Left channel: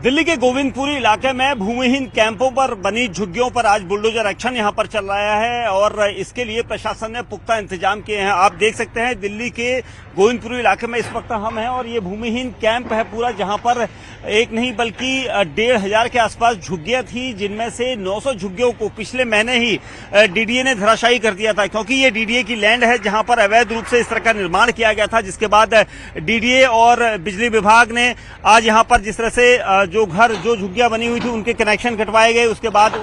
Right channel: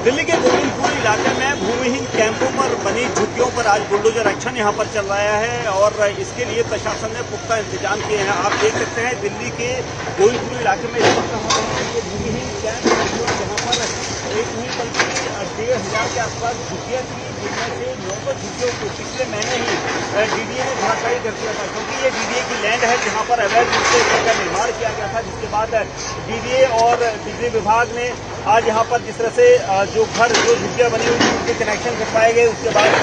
दिल्ली के गोविंदपुर इलाके में भूमिहीन कैंपों पर बनी झुग्गियों पर आज बुलडोजर एक्शन यहां पर चल रहा है और इसके लिए प्रशासन ने पुख्ता इंतजाम किए हैं। आप देख सकते हैं दिल्ली के गोविंदपुर इलाके में इस वक्त हम हैं और ये भूमिहीन कैंप है पूरा, जहां पर एक नहीं बल्कि 1500 के आसपास झुग्गियां थी, जिनमें से 900 झुग्गियों को पिछले महीने ही डीडीए ने धराशायी कर दिया था, क्योंकि ये डीडीए की लैंड है जहाँ पर अवैध रूप से इस तरह का निर्माण किया गया था। जिसके बाद डीडीए और बिजली विभाग ने आज यहाँ पर जिस तरह से जो झुग्गियाँ बनी हुई थी उनके कनेक्शन कटवाए गए, उसके बाद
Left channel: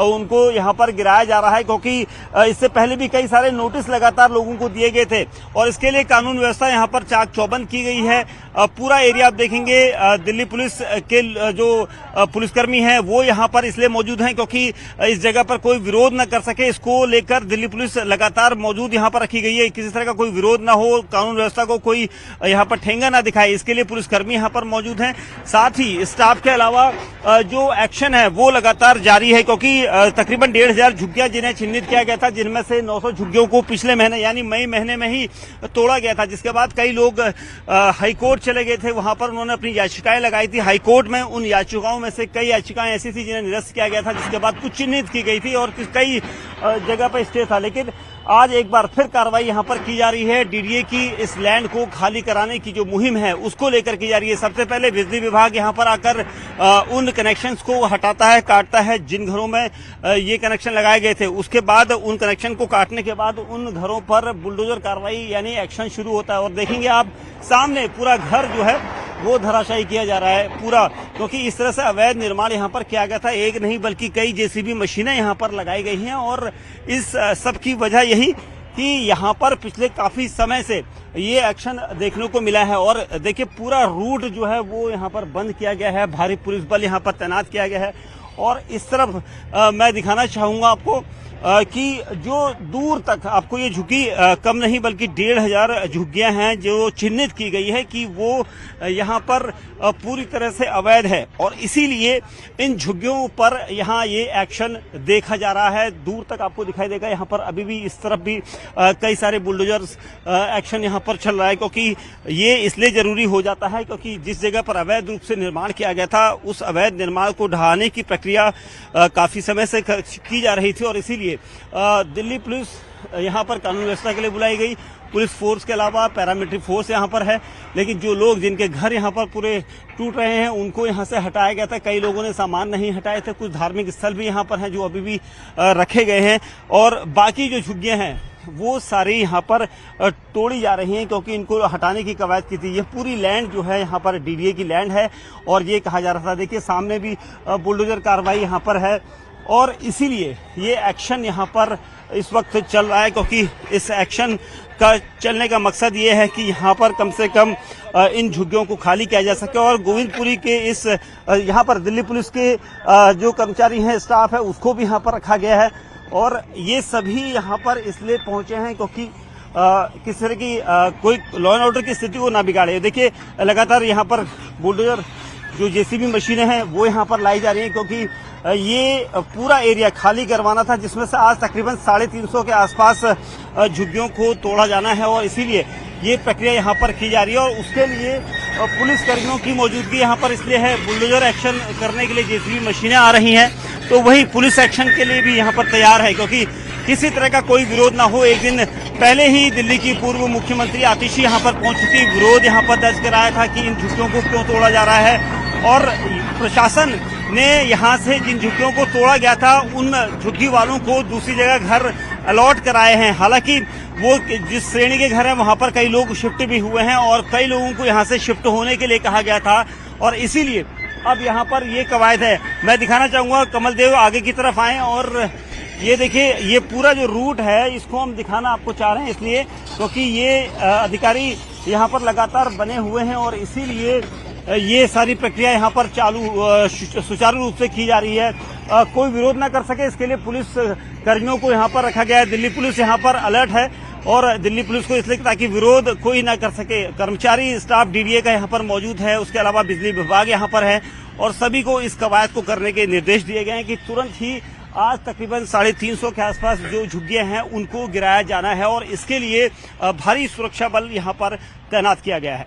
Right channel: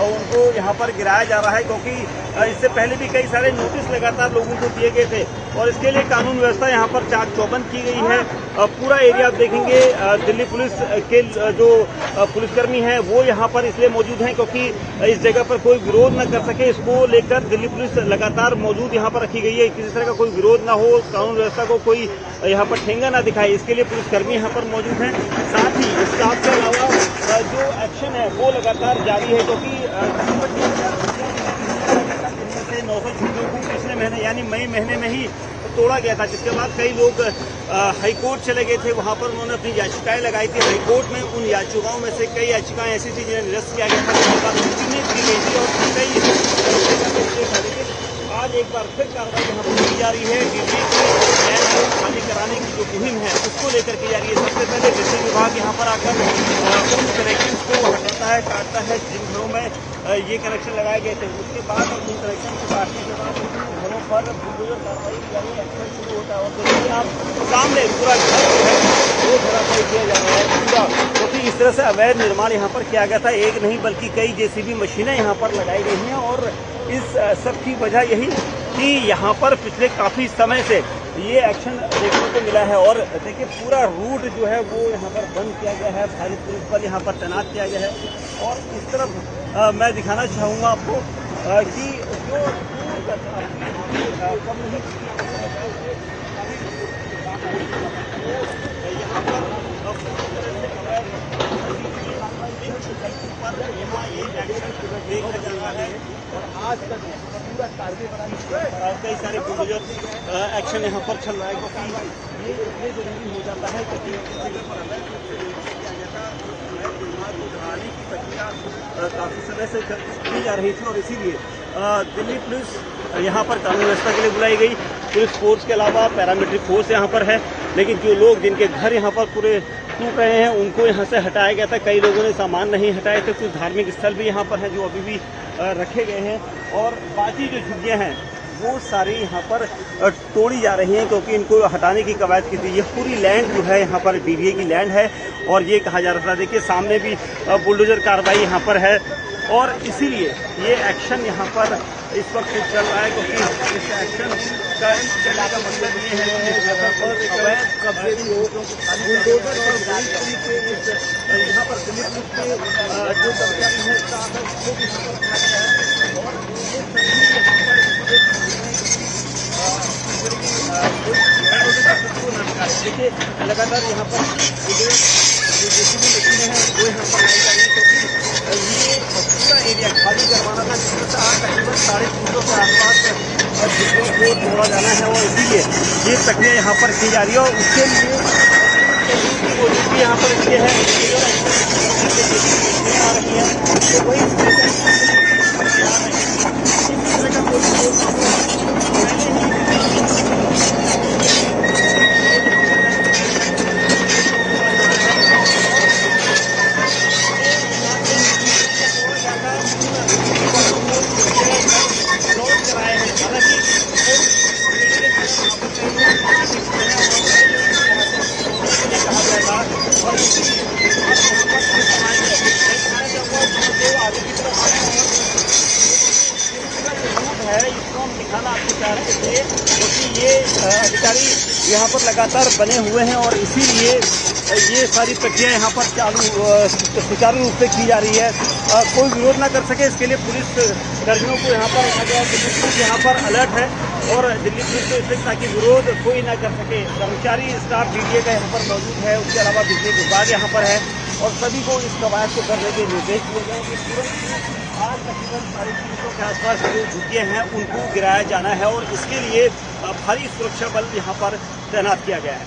उनको यहाँ पर गिराया जा रहा है, क्योंकि इससे पहले भी कई सारे नोटिस लगातार लोगों को दिए गए थे और इसके लिए कानून व्यवस्था यहाँ पर चाक चौबंद की गई है। पूरा एरिया आप देखेंगे, दिल्ली पुलिस के जो पुलिसकर्मी हैं वो यहाँ पर इसलिए मौजूद हैं क्योंकि इस जगह पर कोई विरोध न कर सके, इसको लेकर दिल्ली पुलिस लगातार मौजूद यहाँ पर रखी गई है। किसी तरह का कोई विरोध ना हो, कानून व्यवस्था को कोई यहाँ पर ठेंगा ना दिखाए, इसके लिए पुलिसकर्मी यहाँ पर मौजूद हैं। साथ ही स्टाफ के अलावा जो एक्शन है वो लगातार जारी है, क्योंकि तकरीबन 1500 झुग्गियाँ जिन्हें चिन्हित किया गया था, जिनमें से 900 झुग्गियों को पिछले महीने यानी मई महीने में ही तोड़ा गया था। जिसके बाद कई लोग हाईकोर्ट चले गए थे, वहां पर उन्होंने अपनी याचिकाएं लगाई थी। हाईकोर्ट में उन याचिकाओं में से कई याचिकाएं ऐसी थी जिन्हें निरस्त किया गया था, जिसके बाद चिन्हित की गई थी और कई जगह पर स्टे था। लेकिन आज एक बार फिर कार्रवाई यहाँ पर की जा रही है। डीडीए की इस लैंड को खाली कराने की जो मुहिम है उसको लेकर की जा रही है। सबसे पहले बिजली विभाग यहाँ पर आकर उन कनेक्शंस को हटाता है, काटता है जिन घरों में ये कनेक्शन लगाए गए थे। उसके बाद उन कनेक्शन को काटने के बाद उन घरों पर बुलडोजर कार्रवाई यानी एक्शन शुरू होता है और देखेंगे आप सामने पूरा घर जो है वो धराशायी किया जा रहा है पूरा, क्योंकि इस तरह से अवैध निर्माण यहाँ पर किया गया था। एक नहीं बल्कि कई जेसीबी मशीनें यहाँ पर लगाई गई हैं और इस सब की वजह यही कि यहाँ पर पिछले काफ़ी समय से ये एक्शन देखने को मिला है। और देखिए पूरा रूट जो है वो यहाँ पर बंद किया गया है, भारी पुलिस बल यहाँ पर तैनात किया गया है। और इस तरफ मैं दिखाना चाहूँगा आपको कि जो दूर तक आपको ये झुग्गी कम नहीं बल्कि 1500 झुग्गियाँ हैं जो चिन्हित की गई है कि वो यहाँ पर पूरी तरह से अवैध है और इसीलिए इन झुग्गियों पर यहाँ ये एक्शन देखा जा रहा है। दूर तक आपको दिखाई देगा, यहाँ पर अभी भी इस तरफ भी कई सारे बुलडोजर एक्शन यहाँ पर चल रहा है, क्योंकि ये इसलिए ज़रूरी हो जाता है क्योंकि जिस जगह पर अवैध रूप से निर्माण किया गया था उस अवैध निर्माण को ढहाने की प्रक्रिया काफ़ी समय से की जा रही थी और इसीलिए दिल्ली पुलिस यहाँ पर कानून व्यवस्था के लिए बुलाई गई। पुलिस फोर्स के अलावा पैरामिलिट्री फोर्स यहाँ पर है, लेकिन जो लोग जिनके घर यहाँ पर पूरे टूट रहे हैं उनको यहाँ से हटाया गया था। कई लोगों ने सामान नहीं हटाए थे, कुछ धार्मिक स्थल भी यहाँ पर हैं जो अभी भी रखे गए हैं और बाकी जो झुग्गियाँ हैं वो सारी यहाँ पर तोड़ी जा रही हैं, क्योंकि इनको हटाने की कवायद की थी। ये पूरी लैंड जो है यहाँ पर डीडीए की लैंड है और ये कहा जा रहा था। देखिए सामने भी बुलडोजर कार्रवाई यहाँ पर है और इसीलिए ये एक्शन यहाँ पर इस वक्त चल रहा है, क्योंकि इस एक्शन का चलने का मकसद ये है कि यहाँ पर कम से कम इन झुग्गियों को खाली किया जा सके और गोविंदपुरी के इस यहाँ पर दिल्ली पुलिस के जो कर्मचारी हैं, स्टाफ है, उसको भी यहाँ पर रखा गया है। और ये सभी यहाँ पर इसलिए पहुँच गए हैं क्योंकि किस तरह की कोई लॉ एंड ऑर्डर की स्थिति वो ना बिगाड़े। देखिए लगातार यहाँ पर बुलडोजर जो जेसीबी मशीनें हैं वो यहाँ पर लाई जा रही हैं, क्योंकि ये पूरा एरिया खाली करवाना था, जिसमें से आज तकरीबन 350 के आसपास झुग्गियों को तोड़ा जाना है और इसीलिए ये प्रक्रिया यहाँ पर की जा रही है। और उसके लिए पुलिस कर्मियों की मौजूदगी यहाँ पर इसलिए है, बुलडोजर एक्शन करने के लिए जेसीबी मशीनें आ रही हैं तो वही पुलिस एक्शन के लिए भी यहाँ पर तैयार है, क्योंकि किसी तरह का कोई विरोध ना हो। एक दिन पहले ही दिल्ली की पूर्व मुख्यमंत्री आतिशी यहाँ पर पहुंची थी, विरोध यहाँ पर दर्ज कराया था कि इन झुग्गियों को क्यों तोड़ा जा रहा है और प्रशासन ने यहाँ से जिन झुग्गियों को तोड़ा गया था उन झुग्गी वालों को दूसरी जगह घर अलॉट कराए हैं। हालांकि वो जिस श्रेणी के घर हैं वहाँ पर कई लोग शिफ्ट भी हुए हैं और कई लोगों को यहाँ से शिफ्ट होने के लिए कहा गया था और इसीलिए अब यहाँ पर ये कवायद है। मैं दिखाना चाहूँगा, कमल देव आगे की तरफ आएँ और ये देखिए ये पूरा जो रूट है इसको हम दिखाना आपको चाह रहे हैं इसलिए क्योंकि ये अधिकारी यहाँ पर लगातार बने हुए हैं और इसीलिए ये सारी प्रक्रिया यहाँ पर सुचारू रूप से की जा रही है। कोई विरोध ना कर सके इसके लिए पुलिस कर्मियों को यहाँ पर रखा गया है। दिल्ली पुलिस यहाँ पर अलर्ट है और दिल्ली पुलिस को इसलिए ताकि विरोध कोई ना कर सके। कर्मचारी स्टाफ डीडीए का यहाँ पर मौजूद है, उसके अलावा बिजली विभाग यहाँ पर है और सभी को इस कवायद को करने के निर्देश दिए गए हैं कि तुरंत ही आज तकरीबन 350 के आसपास जो झुग्गियाँ हैं उनको गिराया जाना है और इसके लिए भारी सुरक्षा बल यहाँ पर तैनात किया गया है।